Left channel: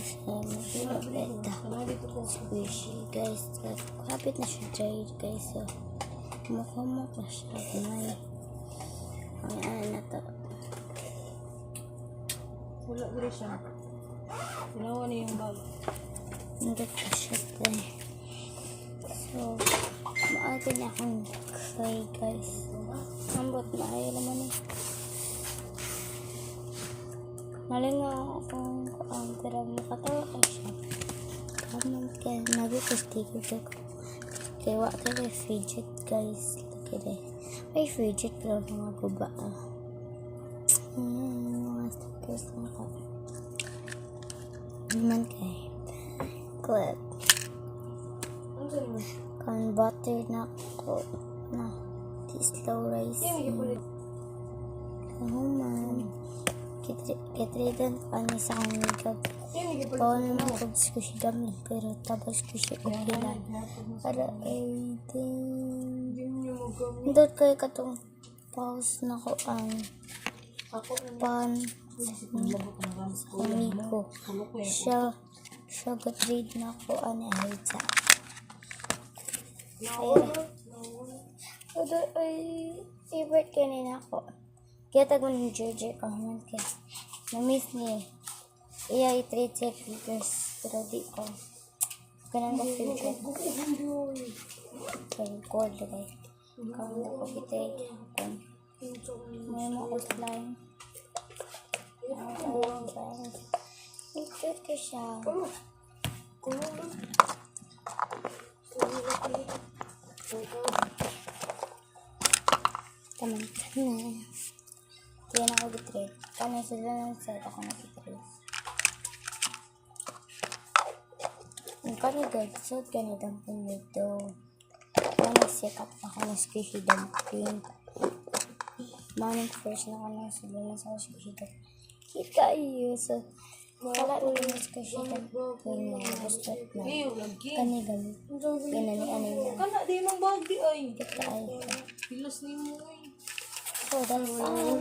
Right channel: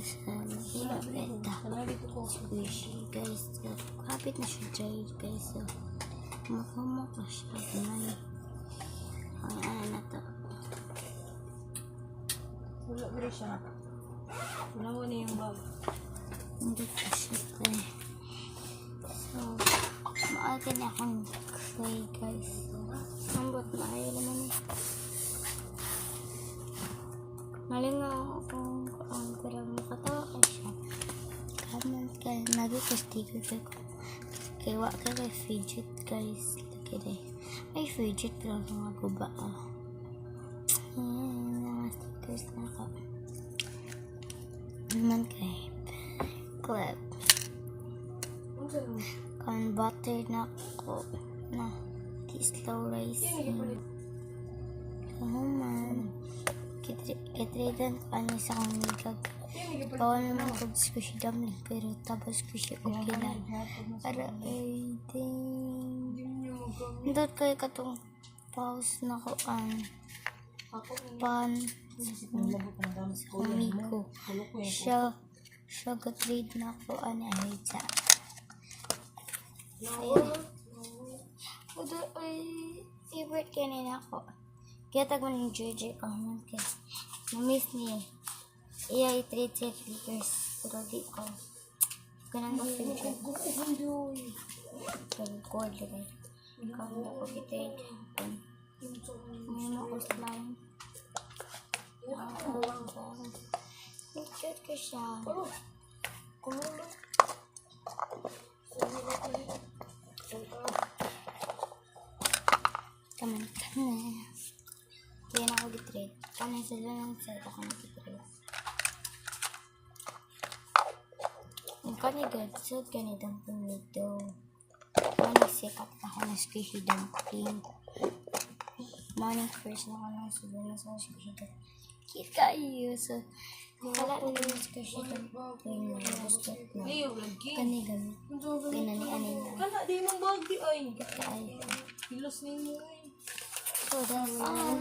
siya magpapita. Squishy guys. Kapit na siya dry guys. So, mukha siya. Ganyan. Ang na to. Wala ko rin siya. Ginawa na yung bag. Hindi pa siya dry. So, maaga niya akong try guys. Sambot maayo naman eh. Malingaw akong pero makatawa ka siya. Comment kayo. Nag-sticker ko. Kaya wak kayo fidget guys. Lagi deh. Ay fidget pero mga guba mga stickers na ako. Naman kayo. Clip. Kan butter na ako. Na. Slow rising. Oh man. Kitridan ko ano sa akong makeup. Bawal naman ko squishy dumpling pero tapos squishy okay lang. Para ay ding. Hindot kayo katong pause na ko ang pan sa kumiko. Siya gatrade na ko ano ay sa. Ay favorite kanina ako. Kaya tago ng Georgia comment ka. Na-miss niya. Iya i-trade siya figures. Pero di ko. Ganang ka figure. So, record lagay. Kung ako i-trade. May mga slime. I-trade ka siya. Taman. Kaya na ako gitrade. Kaya sila ng set ako nag-gitrade. Ang kani guys, so ganitang pumito. Kaya nag-set ako ng squishy dumpling. Morning first na ako ng sila na sa squishy dumpling. Kita iyo. So, wala na yung squishy dumpling na gusto na. Kani gamit. Ganani-anin na. Kana, di mong bag di ay. Kita ay. Pilos ninyo ay. So, that's all.